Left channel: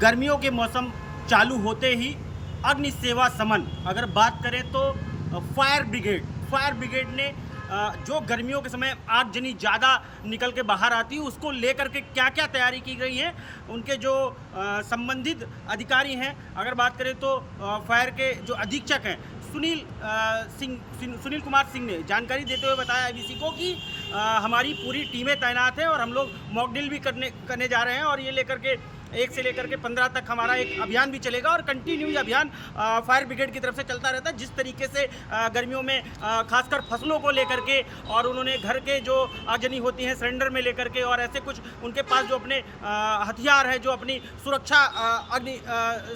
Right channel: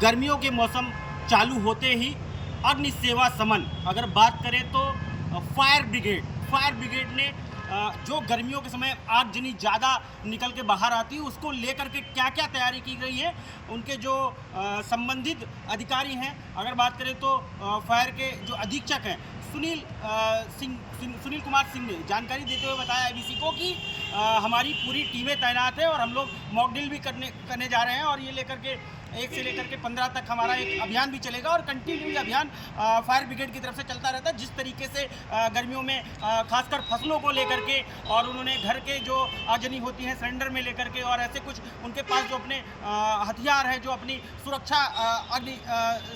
गर्मियों के मौसम चालू होते ही अग्नि सेवा समन, अगर बात करें तो फायर ब्रिगेड ने जो गर्मियों के समय आगजनी ज़्यादा निकल के बाहर आती है उसको लेकर के क्या क्या तैयारी की गई है, उनके जो संबंधित अधिकारी हैं, अगर बात करें तो फायर के जो अधीक्षक हैं सुनील कुमार सिंह ने जानकारी देते हुए बताया आईबीसी को कि हमारी पूरी टीमें तैनात हैं और हम लोग मॉक ड्रिल भी करने जा रहे हैं और ये लेकर के 1 से लेकर के 15 तक हमारा एक अभियान भी चलेगा और कंटिन्यू ये अभियान फायर ब्रिगेड की तरफ से चलता रहता है। जिस तरीके से गर्मियों में खासकर फसलों को लेकर के और उन्होंने घर के जो आगजनी होती हैं सिलेंडर में लेकर के और ऐसे कुछ उनके पास जो अपने हथियार है जो अपनी सुरक्षा अग्नि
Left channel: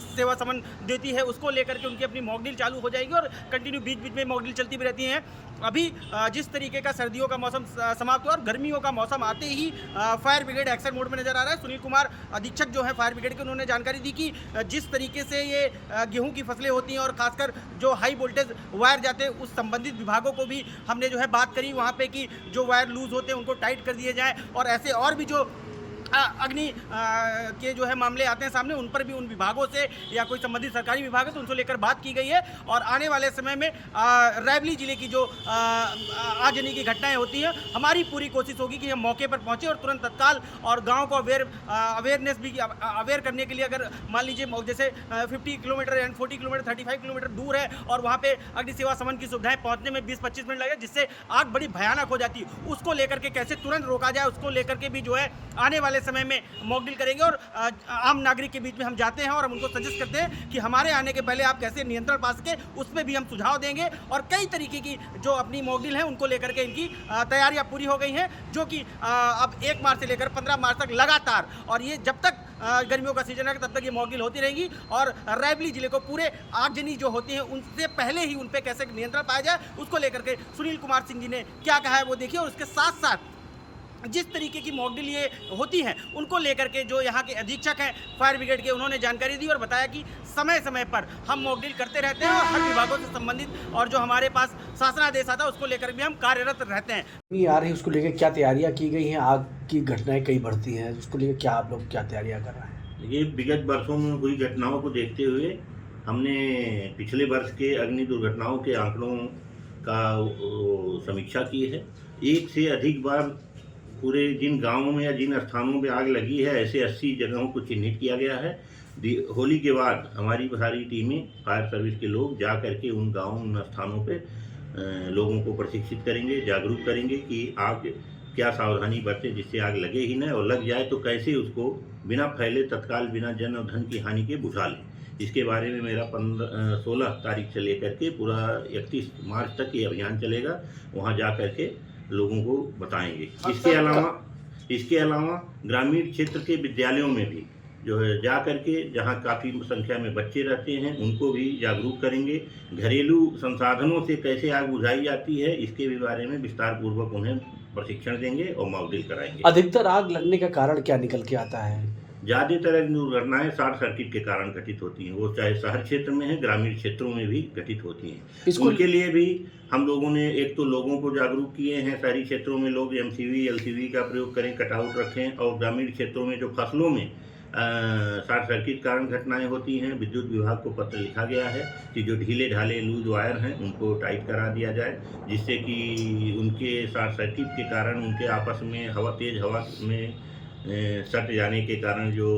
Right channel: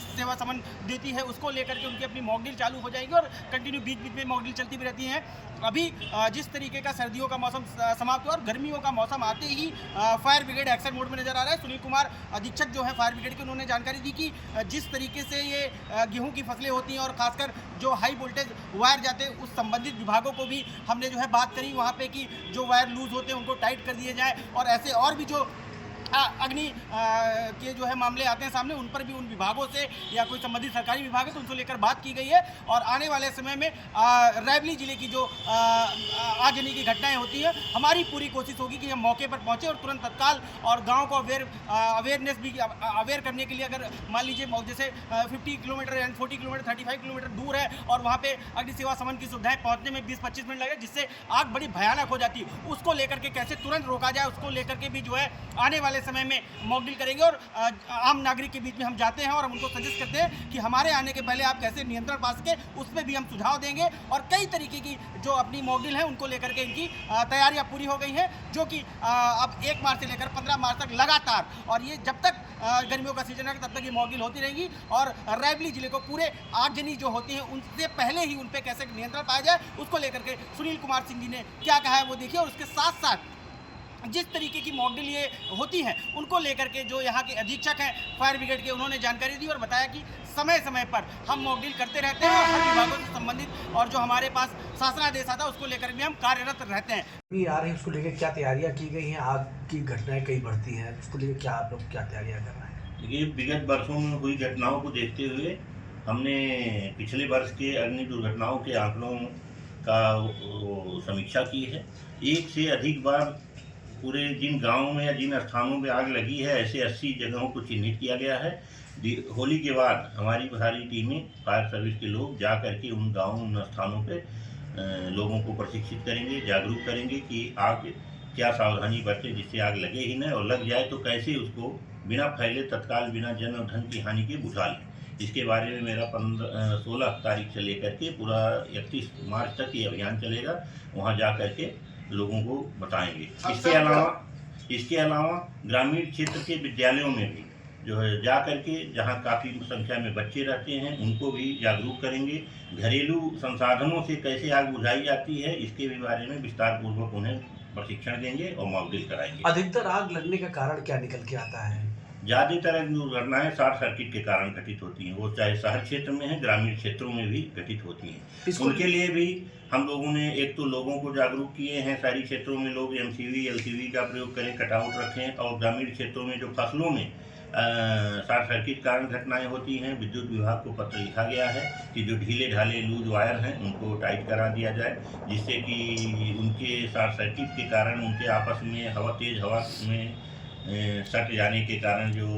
सेवा समन देती है उसको लेकर के उनकी अपनी मॉक ड्रिल चालू हो जाएगी और कंटिन्यू बीच बीच में मॉक ड्रिल चलती भी रहती हैं। अभी जिस तरीके का सर्दियों का मौसम समाप्त हुआ और गर्मियों का मौसम आते ही फायर ब्रिगेड एक्शन मोड में नजर आ रहा है। सुनील कुमार अधीक्षक जो है फायर ब्रिगेड के, उन्होंने जानकारी दी कि जिस तरीके से ये गेहूं की फसलें होती हैं और खासकर जो हाई वोल्टेज वायर जाते हैं उस संबंधित विभागों को भी हमने जो है बात करी वहाँ पे कि जो वायर लूज होते हैं उनको टाइट कर दिए जाए और ऐसे और भी जो अग्नि के जो है मामले आते हैं सामने उन पर भी उन विभागों से या कोई संबंधित सरकारी विभाग है तो उनसे लेकर बात की गई है और आने वाले समय में रायबरेली जिले की जो आगजनी की घटनाएं होती हैं हमारी पूरी कोशिश होगी कि हम मौके पर पहुंचे और तुरंत तत्काल और गांव को अवेयरनेस भी अवेयर करने के लिए अगर मान लीजिए जैसे 50 किलोमीटर एंड 40 किलोमीटर 35 किलोमीटर दूर है और वहाँ पे अग्नि सेवा समन की सुविधाएं पहुँचने में 20-25 मिनट लगेगा जिससे आग बड़ी भयानक हो जाती है, उसको लेकर के कैसे तुरंत रोका जाए उसको लेकर के भी जो है आने वाले समय में मॉक ड्रिल करेंगे और आम नागरिक के बीच में हम जाते हैं और हम उनको सजेस्ट करते हैं कि हमारे आने के पहले आप कैसे नियंत्रण पा सके उस पर भी हम सुझाव देंगे और कई तरीके की जो अपनी मॉक ड्रिल है उनको लेकर के इनकी तैयारियां पूरी हो गई हैं जो कि अब 1 मार्च से लेकर 15 मार्च तक लगातार और ये जब तक गर्मियों का सीजन है तब तक ये मॉक ड्रिल होती रहेगी और रायबरेली जिले को पूरे आगजनी जो होती है उनसे पहले ही उन पर कैसे नियंत्रण पाया जाए उसको लेकर के सुनील कुमार सिंह जी ने क्या कहा है वो देखिए और उसके साथ साथ जिस तरीके की मॉक ड्रिल ये होती हैं उनको लेकर के जो यहाँ के अधीक्षक हैं फायर ब्रिगेड के उन्होंने जानकारी दी और बताया कि समय समय पर हम मॉक ड्रिल करते रहते हैं और हर विभागों से संबंधित और जो हमारे पास शासनादेश आता है उसको लेकर भी हम कार्यरत रहते हैं। आ रही है उसको लेकर क्या तैयारियां की गई हैं? आग की घटनाएं कई बढ़ती हैं, उसको लेकर क्या आप लोग क्या तैयारियां कर रहे हैं? देखिए, विगत वर्षों में हुई घटनाओं को देखते हुए हमने पिछले वर्ष के अग्नि दुर्घटनाओं के आंकड़ों का समीक्षा की है। 1 से अधिक बार पूरे जिन गांवों में या जिन स्थानों पे आग लगी है ऐसे 80 जगहों को चिन्हित किया गया है। होली के बाद हमारी सारी टीमें फायर सर्विस के लोग जा करके उन गांवों उन स्थानों पे लोगों को प्रशिक्षित करेंगे, जागरूक करेंगे कि आग क्या सावधानी बरतें जिससे आग लगे ही न और लग जाए तो कैसे उसको बिना फैले तत्काल बिना जन और धन की हानि के बुझा लें। इसके बारे में मेरा 16 तारीख से लेकर के पूरा 31 मार्च तक ये अभियान चलेगा, वहाँ जा करके लोगों को बताएंगे। इसके अलावा ग्रामीण क्षेत्र के विद्यालयों में भी जो है जा करके जहाँ काफ़ी संख्या में बच्चे रहते हैं उनको भी जागरूक करेंगे। घरेलू संसाधनों से कैसे आग बुझाई जाती है इसके भी बारे में विस्तार पूर्वक उन्हें प्रशिक्षण देंगे और मॉक ड्रिल कराएंगे। अधिकतर आग लगने का कारण क्या निकल के आता है? ज़्यादातर अग्नि दुर्घटनाएं शॉर्ट सर्किट के कारण घटित होती हैं, वो चाहे शहर क्षेत्र में है ग्रामीण क्षेत्रों में भी घटित होती हैं। उनके लिए भी हम लोगों ने एक तो लोगों को जागरूक किए हैं, शहरी क्षेत्रों में लोग MCV LCV का प्रयोग करें, कटआउट रखें और ग्रामीण क्षेत्रों में जो फसलों में शॉर्ट सर्किट कारण घटनाएं होती हैं विद्युत विभाग को पत्र लिखा गया है कि जो ढीले ढाले लूज वायर हैं उनको टाइट करा दिया जाए जिससे कि उनके शॉर्ट सर्किट के कारण उनके आपस में तेज़ हवा में सट जाने के कारण जो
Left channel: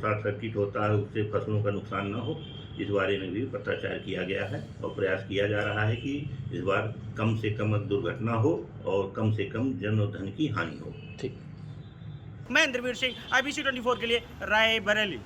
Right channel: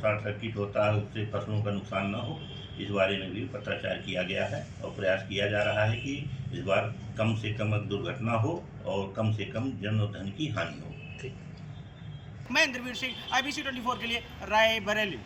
शॉर्ट सर्किट होता है उससे फसलों का नुकसान न हो। इस बारे में भी पत्राचार किया गया है और प्रयास किया जा रहा है कि इस बार कम से कम दुर्घटना हो और कम से कम जन और धन की हानि हो। ठीक, मैं इंद्रवीर सिंह, IBC 24 के लिए रायबरेली।